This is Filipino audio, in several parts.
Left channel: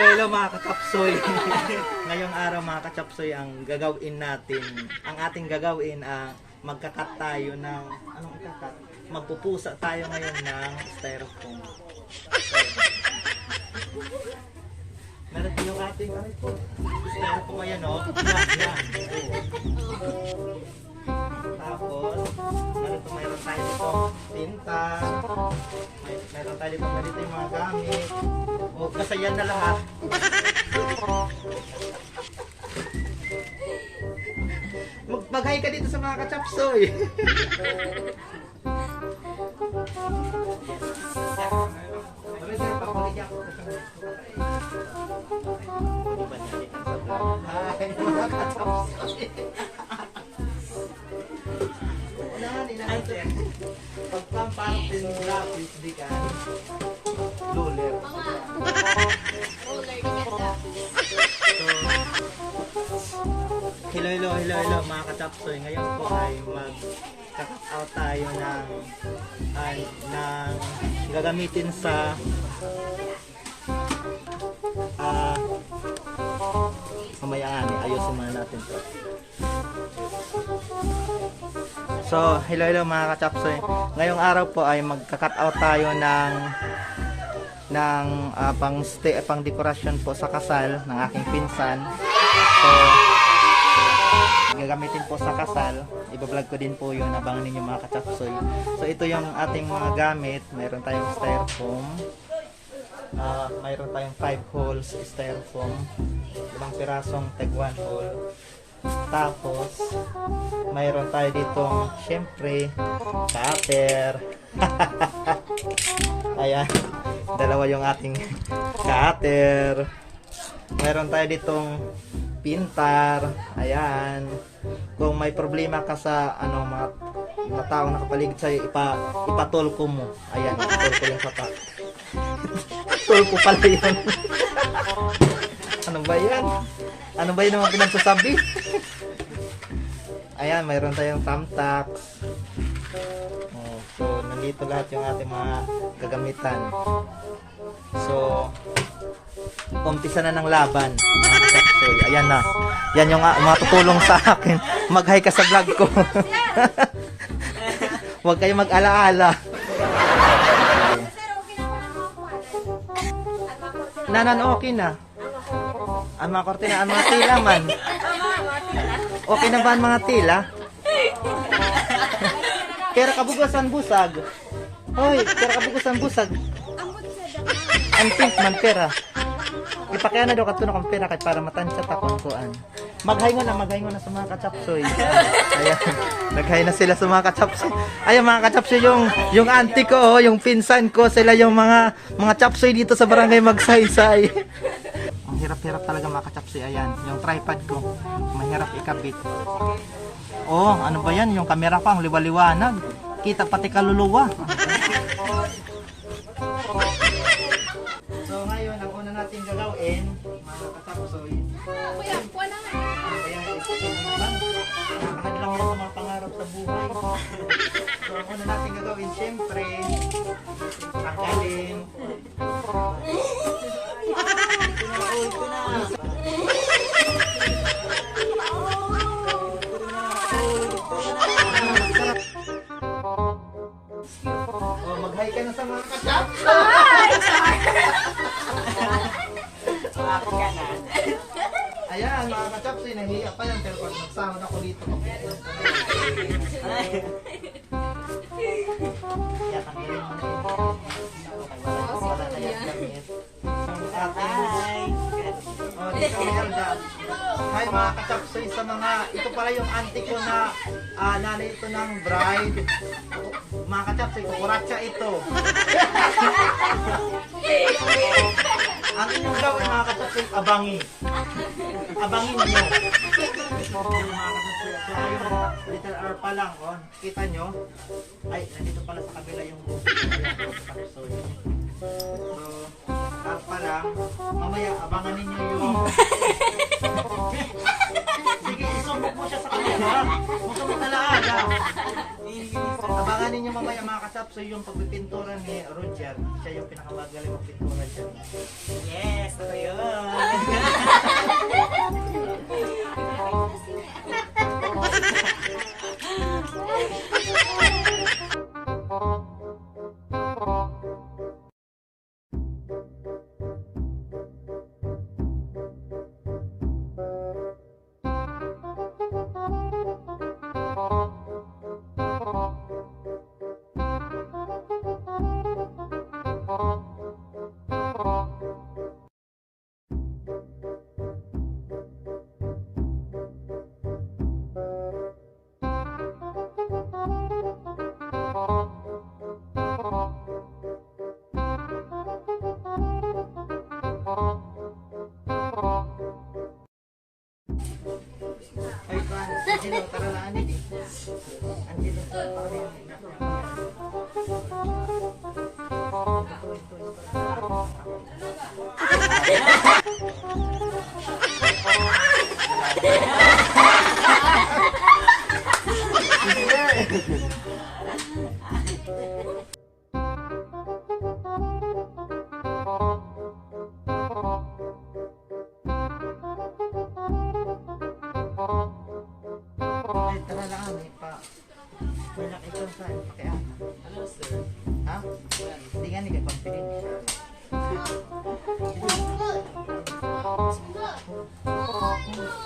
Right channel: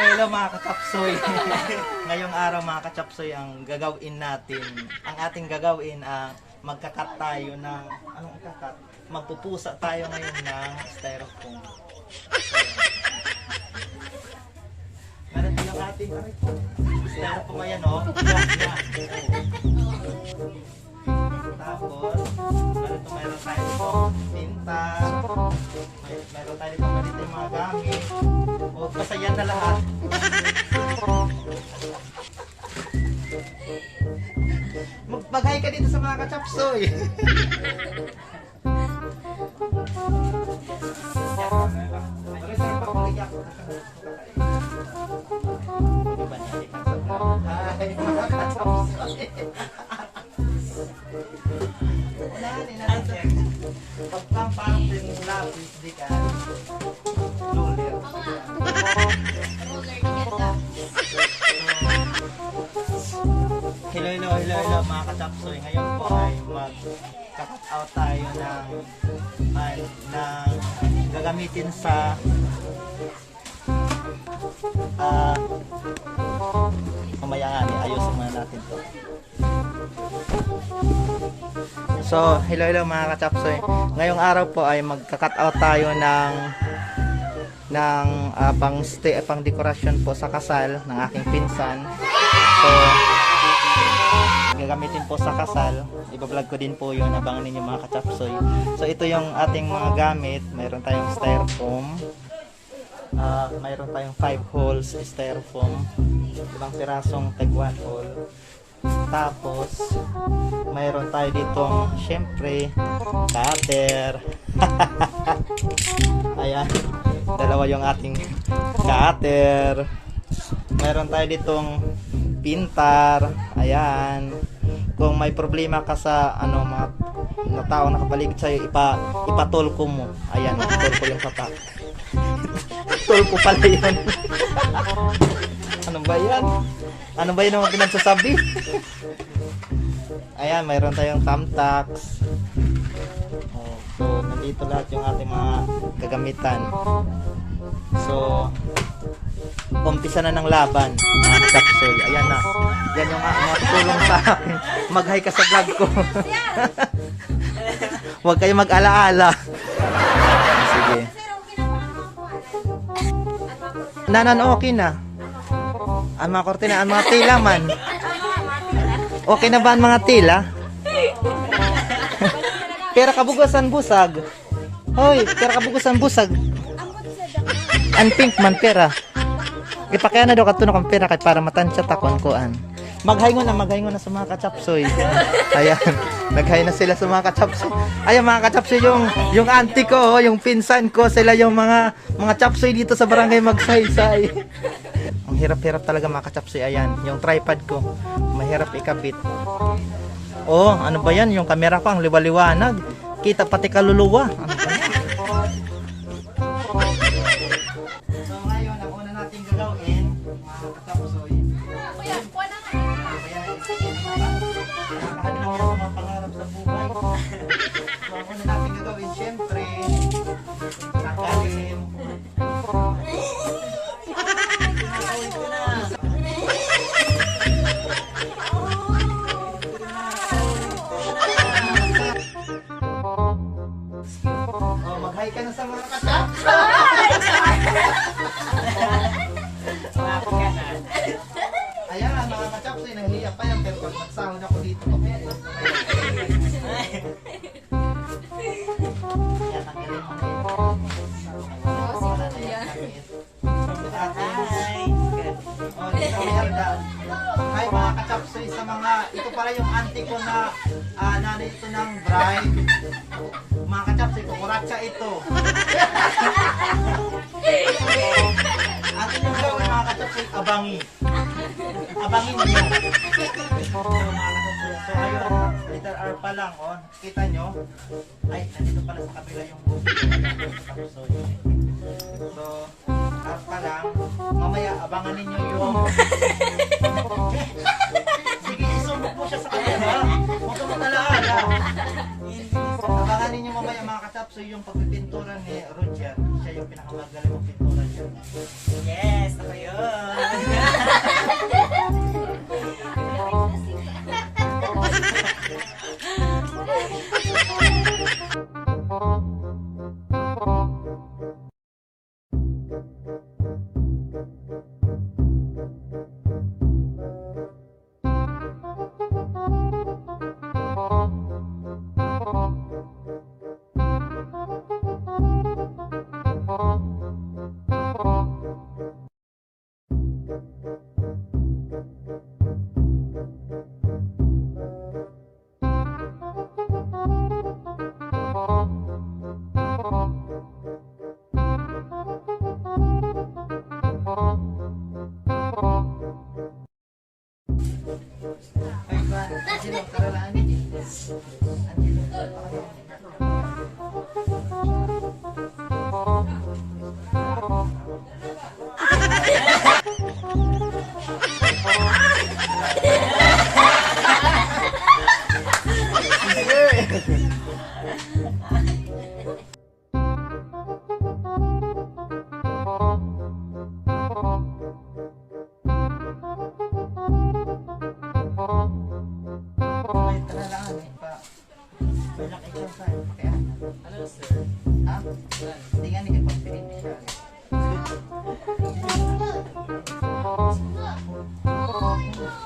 Hello mga kachapsoy. Ngayong araw mga kachapsoy, ang ating gagawin ang magkakat tayo ng, anong ikakat? Magpupusa tayo ngayon ng styrofoam. Meron din yung ating styrofoam, ayan o. Tapos, meron tayo dito tinta. Meron tayo dito yung mga gamit. O, basta yan na lahat. Magbagay ka dito sa mga kachapsoy. Pagkang parang lapis, di ka lulir. Hello mga kachapsoy. Ngayon po ay mag-cut out tayo ng gagamitin sa mamayaan. Ayusin muna natin. So, hello mga kachapsoy. Ngayong araw po ay magka-cut out tayo ng pang dekorasyon po sa kasal ng aking pinsan. So, gagamitin po sa kasal. Iba-vlog ko din po yun. Abangan ninyo mga kachapsoy. So, ito yung ating mga gamit. Mayroon tayong styrofoam. Mayroon tayong 5 holes styrofoam. Ibang pirasong tag 1 hole. Tapos, mayroon tayo ditong, syempre, cutter. Ayan. Dalawa yung ating cutter. Mayroon tayo ditong pintar. Ayan. Kung may problema ka sa mga tao nakapaligid sa'yo, ipatulko mo. Ayan, tulko yung papa. Tulko pala yan. Ano ba yan? Ano ba yun naman pinagsasabi? Ayan, mayroon tayong thumbtacks. So, nandito lahat yung ating mga gagamitan. So, umpisa na ng laban. Ayan na. Yan yung matutulong sa akin. Mag-hi ka sa vlog ko. Huwag kayo mag-alaala. Sige. Nanan, okay na. Ang mga kortina, ang mga tila man. Okay na ba ang mga tila? Pera kabugasan busag. Hoy, pera kabugasan busag. Ang pink man pera. Ipakaya na daw katunog ang pera kahit para matansya takon kuan. Maghaingon na sa mga kachapsoy. Ayan, naghay na sila sa mga kachapsoy. Ayan mga kachapsoy, yung auntie ko, yung pinsan ko, sila yung mga chapsoy dito sa barangay Magsaysay. Ang hirap-hirap talaga mga kachapsoy. Ayan, yung tripod ko, mahirap ikabit. Oh, ano ba yan? Yung camera ko ang liwaliwanag. Kita pati kaluluwa. So ngayon, ang una natin gagawin, mga kachapsoy, nakakadilang yung mga pangarap sa buhay. So ang una natin gagawin, syempre, tanggalin. Mag-hi ka na sa mga kachapsoy. Ayan, mga kachapsoy, nahiya pa yan. Pero pag magsahon ako dito, kaya tanggalin mo na. Hi mga kachapsoy, sa mga, ito pala yung auntie ko na nanay ito ng bride. Mga kachapsoy, kukuratsa ito. Ang inyong gawin mga kachapsoy, abangin. Abangin nyo. Mga kachapsoy, so ayun, letter R pa lang, oh. Kita nyo? Ay, nandito pala sa kabila yung kachapsoy. So, R pa lang. Mamaya, abangan ninyo yung sige, isumok mo siya sa kanila. Huwag ka mag-alaala. Abangan ninyo mamaya mga mga katapso yung pagpipintura ni Roger. Siya yung pinakamagaling magpintura dyan. Yes, ako yun. Ay, Juan, Angelo, tara na, Angelo. Angelo, ay, tara na, Angelo, pa. Balak ikaw sa kaya. Hello, sir. Ha? Hindi nga nila pagpilin siya.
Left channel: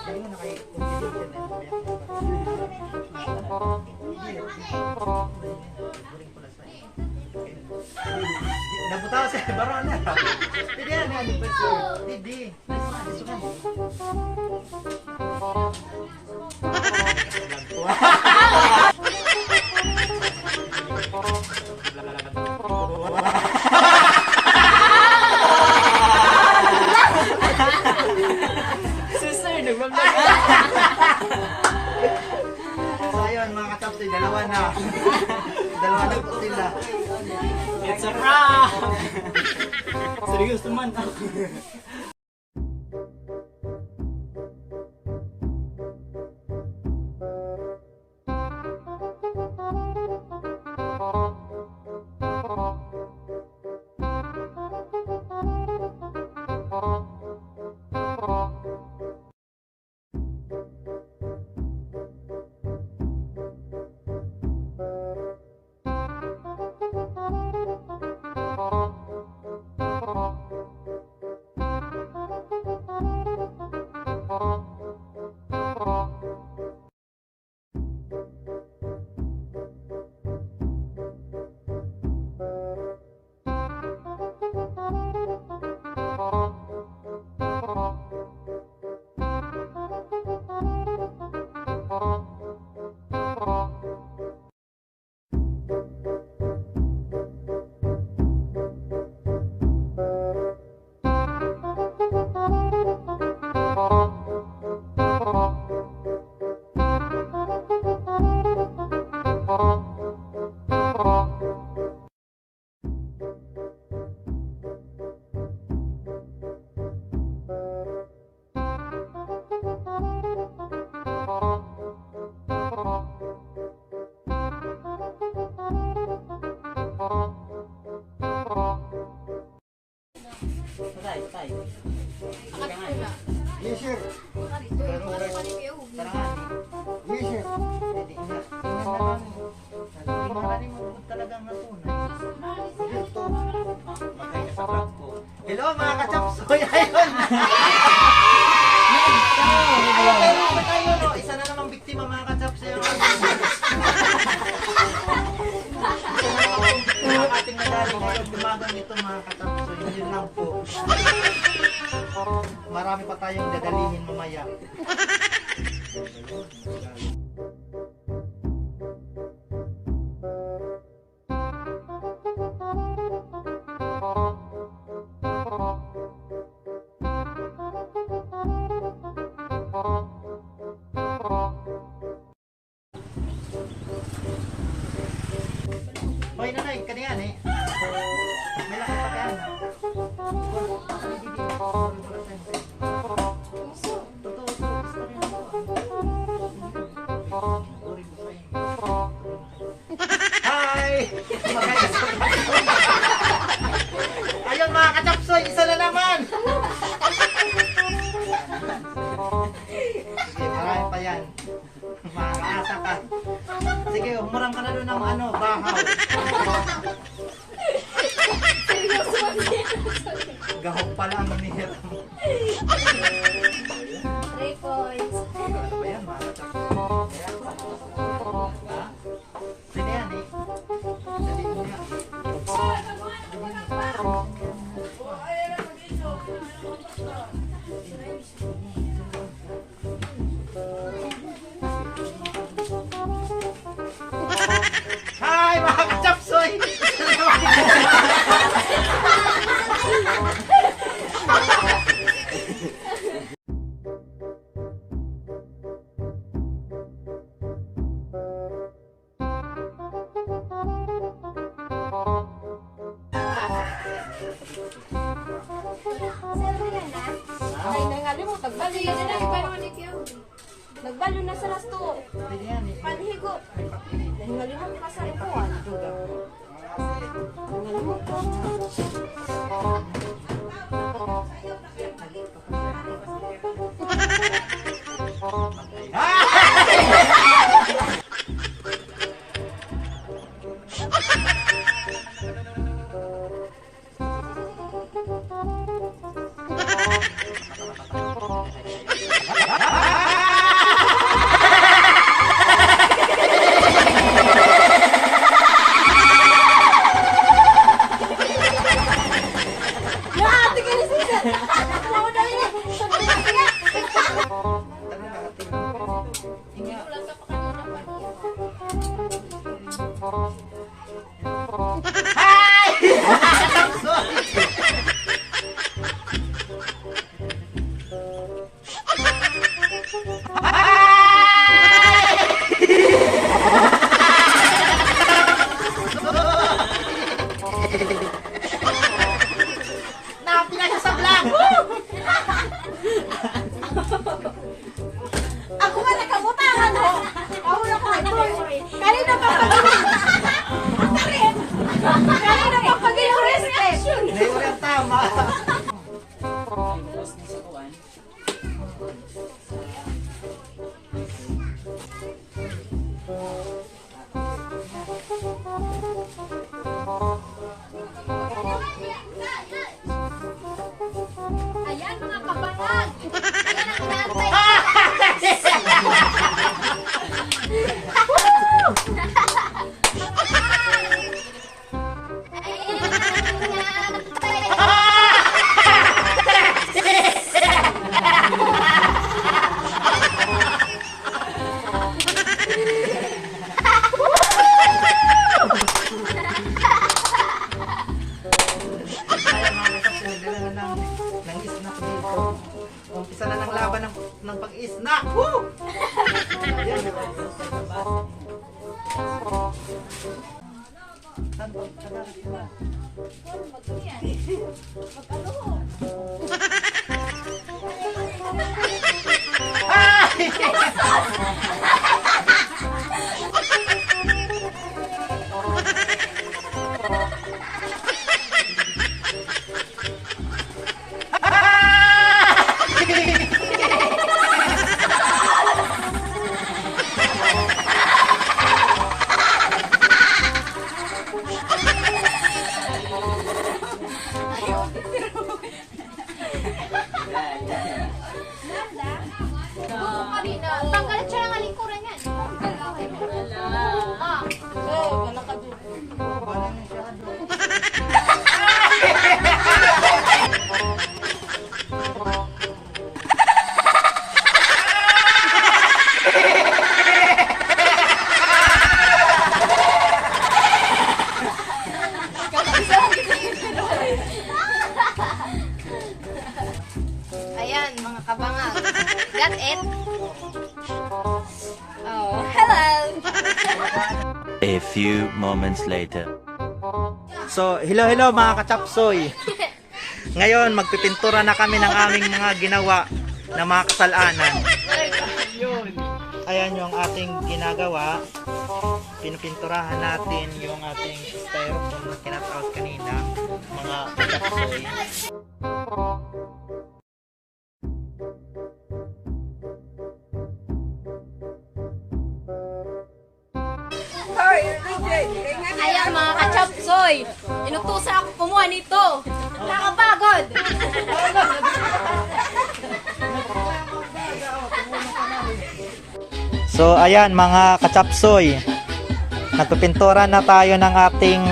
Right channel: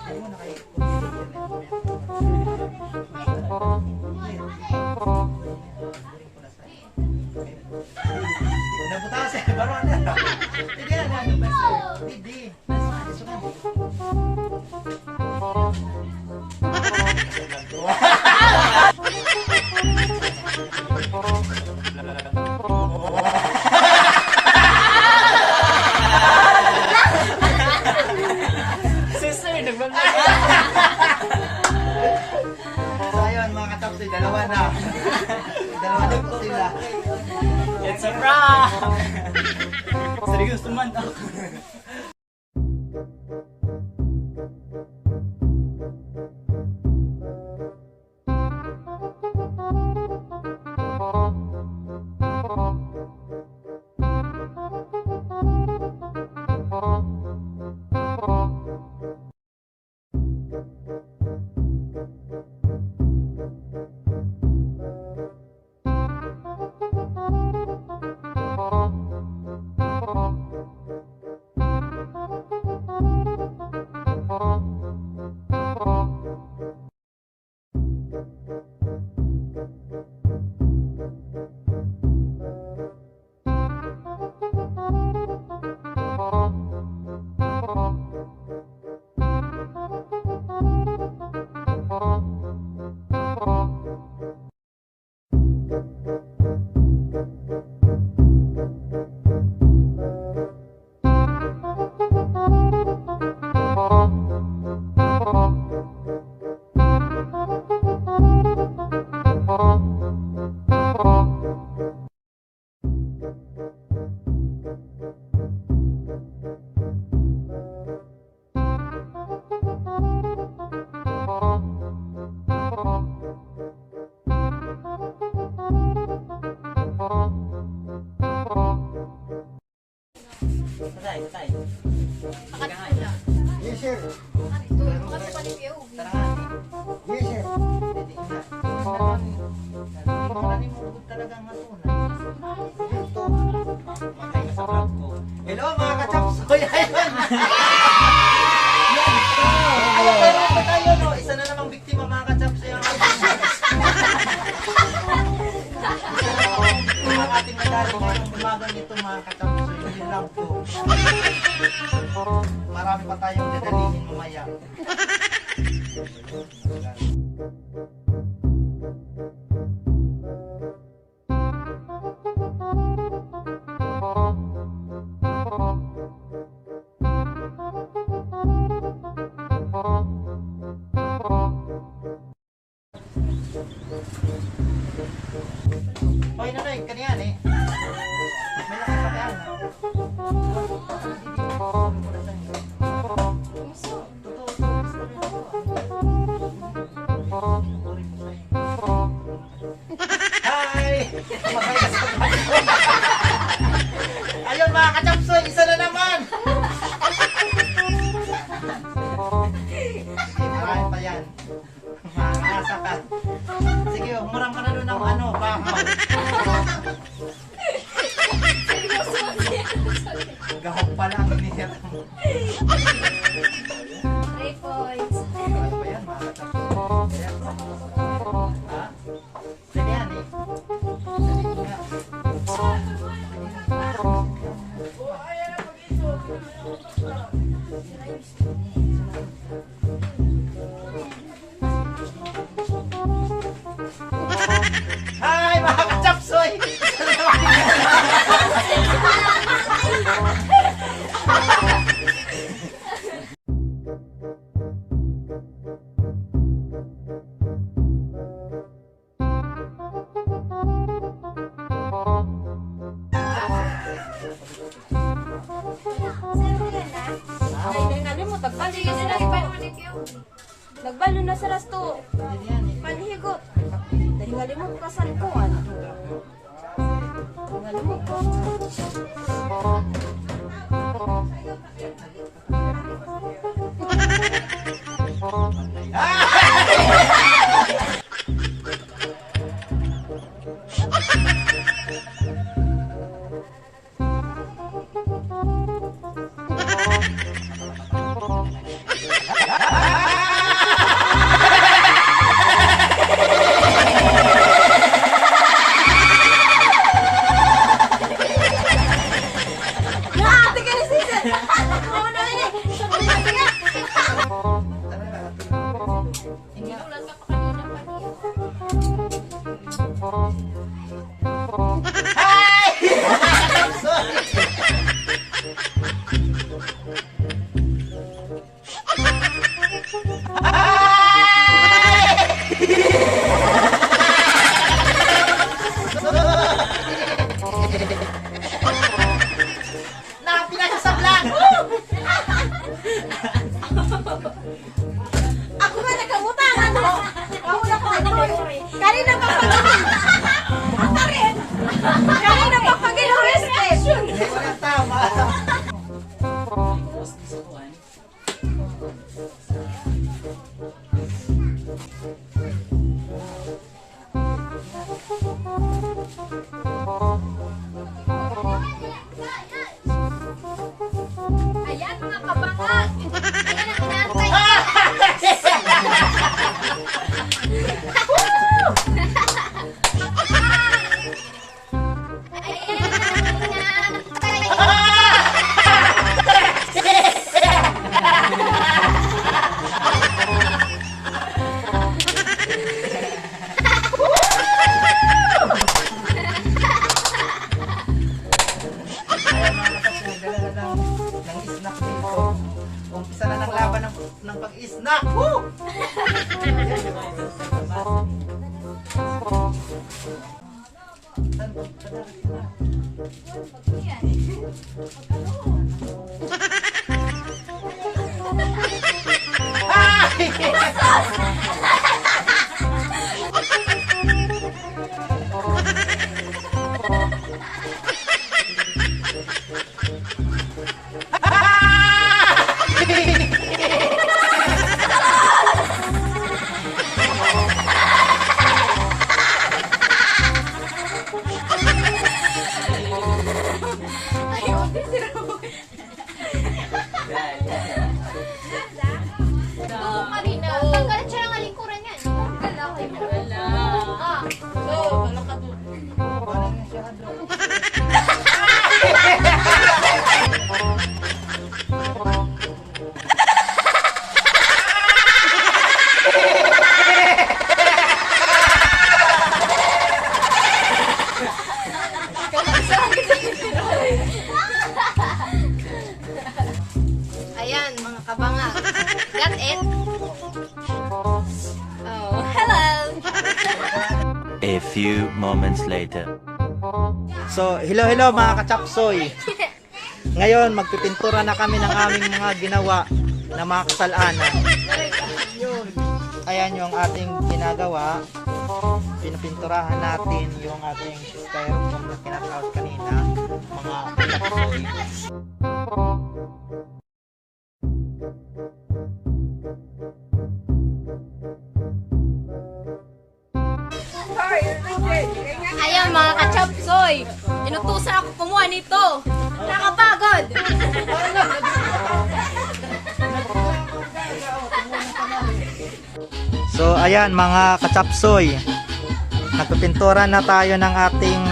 Hindi mo na kayo nabutaw siya, baro na. Hindi yan, ano ba sir? Hindi. Gusto ka Sir, nagbablog. So ayun mga katapsoy, dalawa na. Dalawa na po sila. It's a prank! Seryoso man. Patay. Ang ka nga eh. Yes sir. Tara nga. Yes sir. Hindi nga. Marami mo talagang matunay. Ito. Magay ka sa vlog ko. Hello mga ka-chapsoy. Ayun. Ayun tayo pa tayo no. Isa na namang biktima mga ka-chapsoy. Ang ating nagaling ngayong umaga nito mga ka-chapsoy. Yun lang po. Marami pa tayong gagalingin mamaya. Hoy nanay, kaniyan eh. May laki pa kaya na. Totoo, gusto rin ako. Ayun mga kachapsoy, isa na naman. Marami pa yan. Makakasa ka. Sige, humurang ka na doon ng ano, bahaw. Gahok pa lang, hinihirap mo. 3 points. Ano pa yan, mga kachapsoy? Ha? Sige yan eh. Sabi ko nga. Hi mga kachapsoy! Nagbalo na sa rasto. Hindi yan eh. Panhigot. Tingali mo ka sa likuan. Tingali mo ka. Nakapila siya sa vlog! Ako nga nakamutangan. Ako na ka. Kanina pa Ako rin. Kanina pa pag-i-first action. Hindi mo lang tama. Tapos this one. Ayan mga kabataan. Ng snack dito. Umpisa na ng laban ng pag-snack. Woo! Tanggalan siya ng alingkuran yan. Wala ka doon. Ayan, mga kabanga. That's it. Oh, hello. A few moments later. So, hello mga kachapsoy. Ngayon, magpipintura na kami ng aming mga ginawa na mga kasalanan. Ayan yung ating ginagawa. pinupinturahan natin yung ating styrofoam na kinakaut kanina. Mga kapsoy. Ayan mga kachapsoy, inutusan ako kumuha nito. Nakapagod. So ayan mga kachapsoy, nagpipintura na tayo ng ating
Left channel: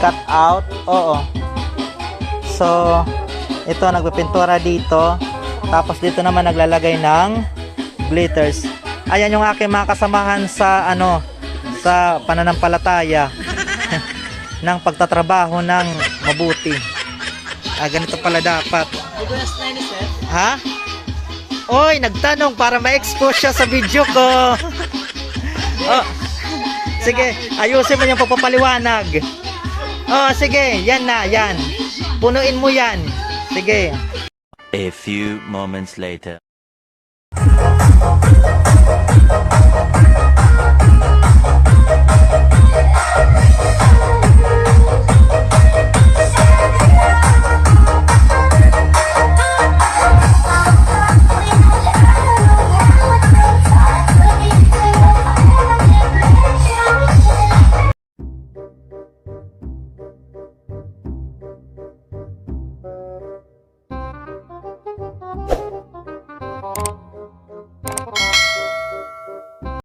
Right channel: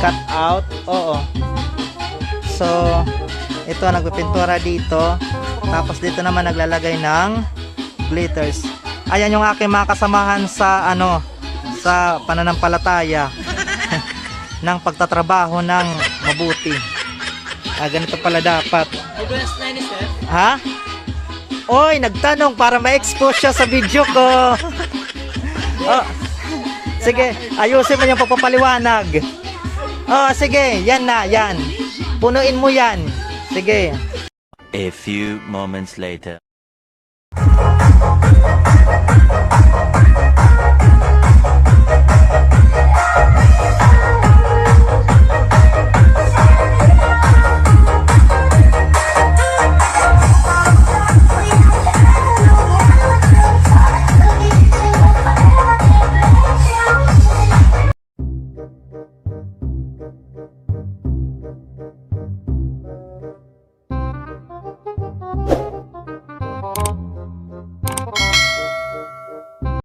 cut out. Oo. So ito nagpipintura dito, tapos dito naman naglalagay ng glitters. Ayan yung aking mga kasamahan sa sa pananampalataya ng pagtatrabaho ng mabuti. Ganito pala dapat. Ha? Oy, nagtanong para ma-expose siya sa video ko. Oh, sige, ayusin mo yung pagpapaliwanag. Oh, sige, yan na, yan. Punuin mo yan. Sige. A few moments later.